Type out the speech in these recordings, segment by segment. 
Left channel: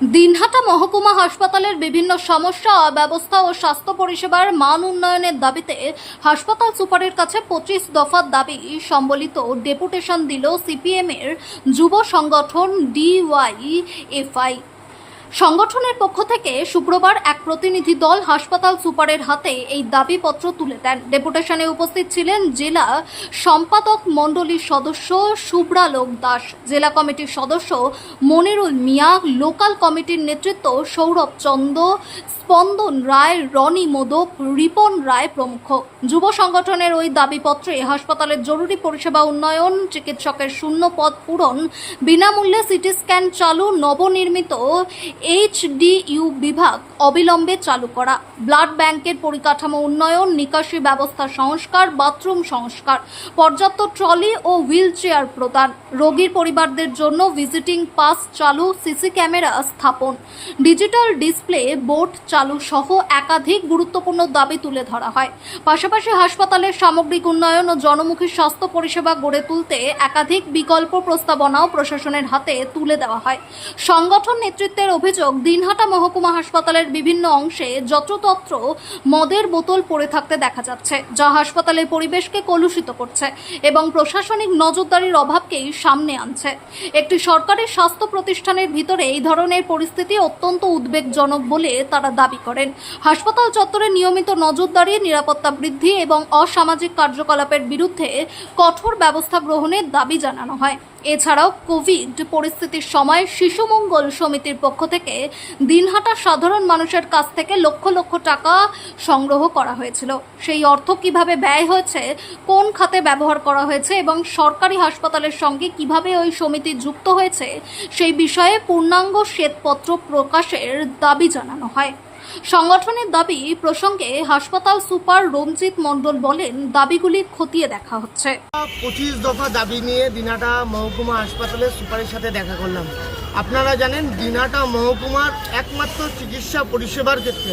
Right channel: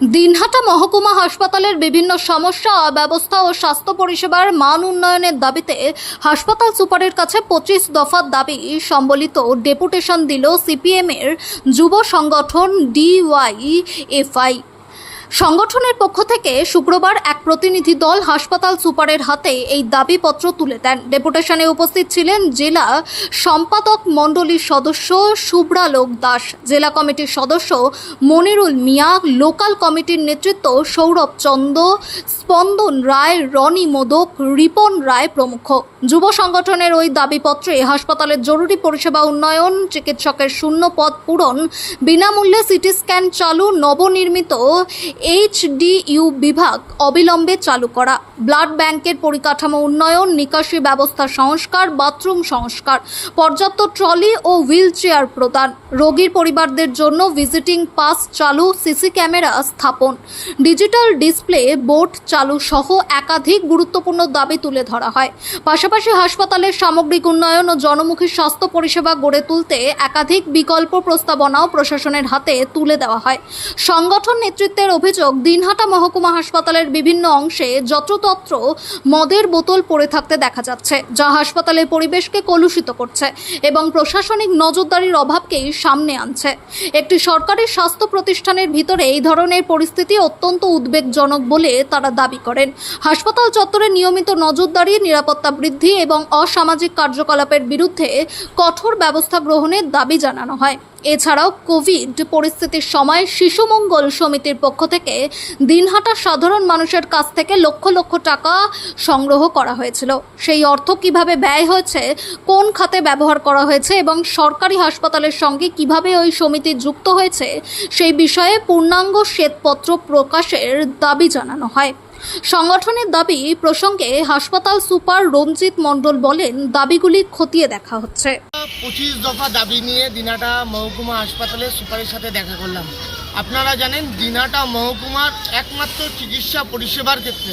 দিনহাটা মহকুমা হাসপাতালের বিভিন্ন সমস্যা, অব্যবস্থা ও স্বাস্থ্য পরিষেবার মান উন্নয়নের দাবিতে হাসপাতাল সুপারের কাছে 25 দফার দাবি সম্বলিত ডেপুটেশন দিল সিপিএমের যুব সংগঠন ডিওয়াইএফআই। সংগঠনের পক্ষ থেকে শুক্রবার এক প্রতিনিধি দল হাসপাতাল সুপারের হাতে এই দাবিপত্র তুলে দেন। ডেপুটেশনে উপস্থিত ছিলেন জেলা সম্পাদক মণ্ডলীর সদস্য শুভ্রালোক দাস, জেলা কমিটির সদস্য মনিরুল মিয়া, লোকাল কমিটির নেতৃত্ব সৌরভ চন্দ, স্পন্দন রায়, রনি মোদক, রিপন রায় প্রমুখ। যুব সংগঠনের ওই দাবিপত্রে হাসপাতালের জরুরি পরিষেবা উন্নয়ন, চিকিৎসকের শূন্য পদ পূরণ, বিনামূল্যে সিটি স্ক্যান চালু, নবনির্মিত এইচডিইউ বিভাগ অবিলম্বে চালু করা, ব্লাড ব্যাংকের পরিকাঠামো উন্নয়ন, নিকাশি ব্যবস্থা সংস্কার, বাথরুম সংস্কার, পর্যাপ্ত ট্রলি ও হুইল চেয়ার প্রদান, রোগীর পরিবারদের জন্য ভিজিটিং পাস চালু, সিসি ক্যামেরা স্থাপন, ডিজিটাল ডিসপ্লে বোর্ড চালু সহ একাধিক গুরুত্বপূর্ণ দাবি তুলে ধরা হয়। পাশাপাশি হাসপাতালের সামগ্রিক উন্নয়ন ও জনমুখী স্বাস্থ্য পরিষেবা গড়ে তুলতে একাধিক বিকল্প প্রস্তাবনাও প্রশাসনের হাতে তুলে দেওয়া হয়। সংগঠন নেতৃত্বের অভিযোগ, দিনহাটা মহকুমা হাসপাতালের বিভিন্ন অংশে যত্রতত্র মদের বোতল পড়ে থাকতে দেখা যাচ্ছে, যা হাসপাতালের পরিবেশকে কলুষিত করছে এবং প্রশাসনিক নজরদারির অভাবকেই সামনে আনছে। একটি সরকারি স্বাস্থ্য প্রতিষ্ঠানের ভিতরে এই ধরনের পরিস্থিতি অত্যন্ত উদ্বেগজনক বলে তারা দাবি করেন। হাসপাতাল চত্বরে নিয়মিত নজরদারি, নিরাপত্তা বৃদ্ধি এবং অসামাজিক কার্যকলাপের বিরুদ্ধে কঠোর ব্যবস্থা গ্রহণের দাবি জানানো হয়। এছাড়াও কোভিড পরিস্থিতির সময় শিশু মঙ্গল সমিতির পক্ষ থেকে দিনহাটার সাধারণ মানুষের কাছ থেকে লক্ষ লক্ষ টাকা সংগ্রহ করা হয়েছিল। সেই অর্থ কিভাবে ব্যয় হয়েছে, কোন খাতে ব্যবহার করা হয়েছে এবং সরকারি হাসপাতালের সঙ্গে কিভাবে ওই সমিতি যুক্ত হয়েছে সেই বিষয়ে পূর্ণাঙ্গ শ্বেতপত্র প্রকাশের দাবি জানানো হয়। সংগঠনের দাবি প্রসঙ্গে হাসপাতাল সুপার রঞ্জিত মণ্ডল বলেন, দাবিগুলি খতিয়ে দেখা হচ্ছে। 25 দফা দাবি নিয়ে দিনহাটা মহকুমা হাসপাতালের সুপারের সাথে দেখা করলাম। আপনারা জানেন, দিনহাটা মহকুমার একমাত্র চিকিৎসা পরিষেবার ক্ষেত্রে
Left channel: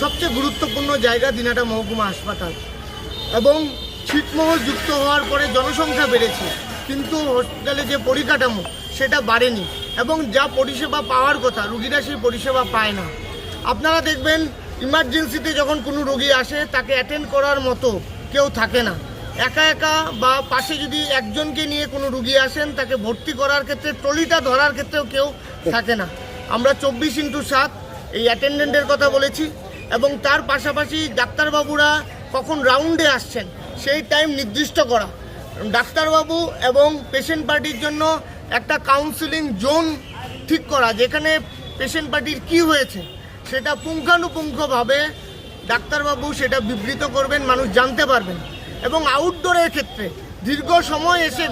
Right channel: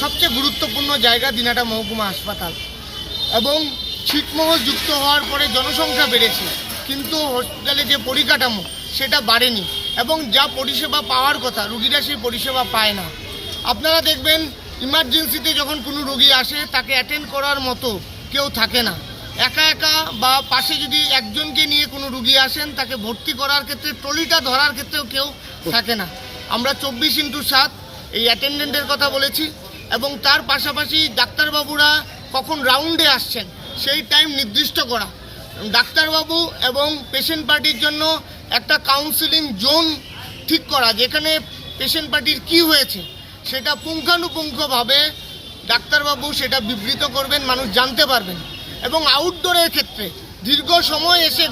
সবচেয়ে গুরুত্বপূর্ণ জায়গা দিনহাটা মহকুমা হাসপাতাল, এবং ছিটমহল যুক্ত হওয়ার পরে জনসংখ্যা বেড়েছে, কিন্তু হসপিটালে যে পরিকাঠামো সেটা বাড়েনি এবং যা পরিষেবা পাওয়ার কথা রুগীরা সেই পরিষেবা পায় না। আপনারা দেখবেন, ইমার্জেন্সিতে যখন কোনো রোগী আসে তাকে অ্যাটেন্ড করার মতো কেউ থাকে না। একা একা বা পাশে যদি একজনকে নিয়ে কোনো রুগী আসেন, তাকে ভর্তি করার ক্ষেত্রে ট্রলিটা ধরার ক্ষেত্রেও কেউ থাকে না। আমরা 24x7 এই অ্যাটেন্ডেন্টের কথা বলেছি, এবং তার পাশাপাশি ডাক্তারবাবুরা কখন রাউন্ডে আসছেন সেই টাইম নির্দিষ্ট করা, ডাক্তারবাবু এবং পেশেন্ট পার্টির জন্য একটা কাউন্সিলিং জোন ঠিক করা, যেখানে পেশেন্ট পার্টির কী হয়েছে সেটা পুঙ্খানুপুঙ্খভাবে ডাক্তারবাবু সেটা বিবৃত করবেন, মানুষ জানতে পারবেন। এবং আউটডোরের ক্ষেত্রে দীর্ঘ সময় এসে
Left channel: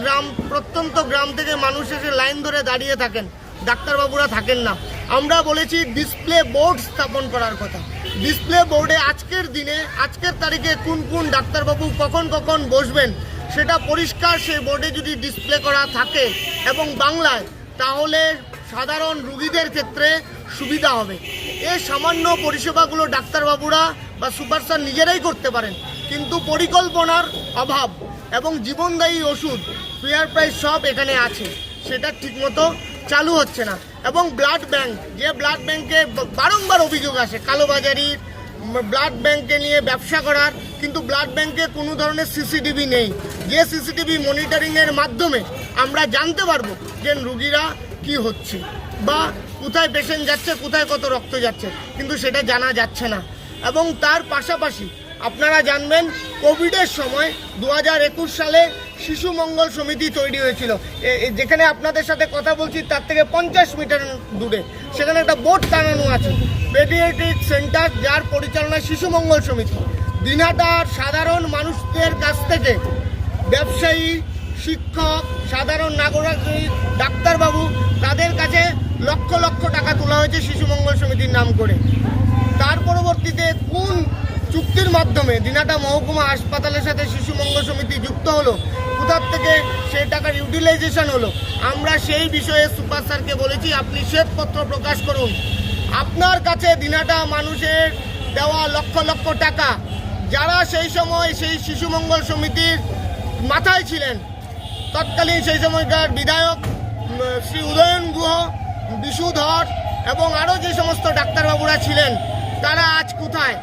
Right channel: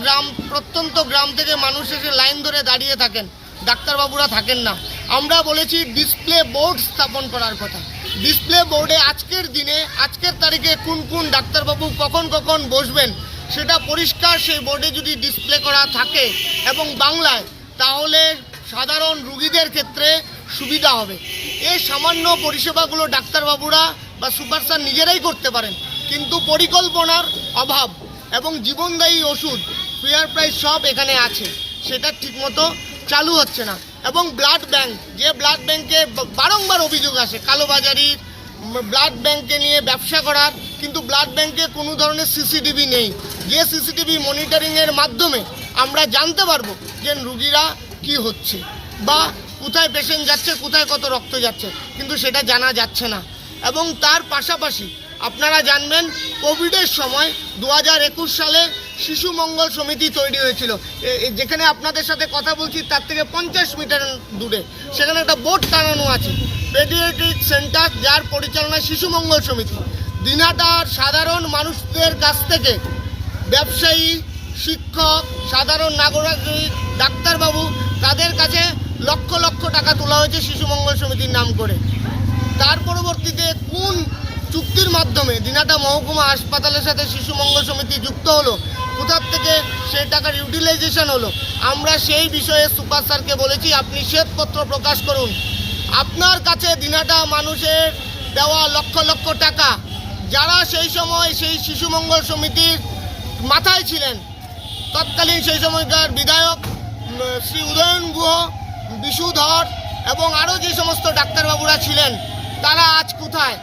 প্রত্যন্ত গ্রাম থেকে মানুষ এসে লাইন ধরে দাঁড়িয়ে থাকেন, ডাক্তারবাবুরা থাকেন না। আমরা বলেছি ডিসপ্লে বোর্ড স্থাপন করার কথা। ডিসপ্লে বোর্ডে আজকের দিনে, আজকের তারিখে কোন কোন ডাক্তারবাবু কখন কখন বসবেন সেটা পরিষ্কার সেই বোর্ডে যদি ডিসপ্লে করা থাকে এবং বাংলায়, তাহলে সাধারণ রুগীদের ক্ষেত্রে সুবিধা হবে। এই সামান্য পরিষেবাগুলো ডাক্তারবাবুরা বা সুপার স্যার নিজেরাই করতে পারেন, কিন্তু পরিকল্পনার অভাব এবং জীবনদায়ী ওষুধ, ফেয়ার প্রাইস সব এখানে আছে, সেটা ঠিকমতো চালু হচ্ছে না। এবং ব্লাড ব্যাংক, যে ব্লাড ব্যাংকে বারংবার অভিযোগ আসে কালোবাজারির, ব্লাড ব্যাংকে নিয়ে ব্যবসা করার, কিন্তু ব্লাড ব্যাংকে কোনো ধরনের সিসিটিভি নেই, যে সিসিটিভি মনিটরিংয়ের মাধ্যমে আমরা জানতে পারবো যে রুগীরা কি হচ্ছে বা কোথায় পেশেন্ট যাচ্ছে, কোথায় কত রক্ত যাচ্ছে, কিন্তু সেটা জানা যাচ্ছে না। এবং তার পাশাপাশি আপনারা জানবেন, কোভিডের সময় 2021 সালে শিশু মঙ্গল সমিতি তৈরি হয়েছিল, যেখানে আপনাদের সাথে কথা বলছি তার থেকে 50 মিটার দূরে, সেখানে একটা বোর্ড টানানো আছে, পেডিয়াট্রিক সেন্টার, যার পরিচালনায় শিশু মঙ্গল সমিতি। দিনহাটার সাধারণ মানুষদের কাছ থেকে ব্যবসায়ী, শিক্ষক, সাধারণ নাগরিক, ডাক্তারবাবু, তাদের কাছে লক্ষ লক্ষ টাকা তোলা হয়েছে শিশু মঙ্গল সমিতির নাম করে। তার পরবর্তীতে কোন চুক্তির মাধ্যমে দিনহাটা মহকুমা হাসপাতালের সাথে শিশু মঙ্গল সমিতি যুক্ত হলো, কোথার থেকে সেই টাকার ইউটিলাইজেশন হলো, আমরা সেই বিষয়ে সুপার স্যারকে বলেছি, আপনি শ্বেতপত্র প্রকাশ করুন। আপনার কাছে দিনহাটা মানুষের দেওয়া লক্ষ লক্ষ টাকা, যারা সেই সময় সেই শিশু মঙ্গল সমিতির মাথায় ছিলেন, তৎকালীন সেই সময়কার বিধায়ক শ্রী উদয়ন গুহ, বিশু ধর এবং আরও যে সমস্ত ডাক্তারবাবুরা ছিলেন তারা আজ কোথায়?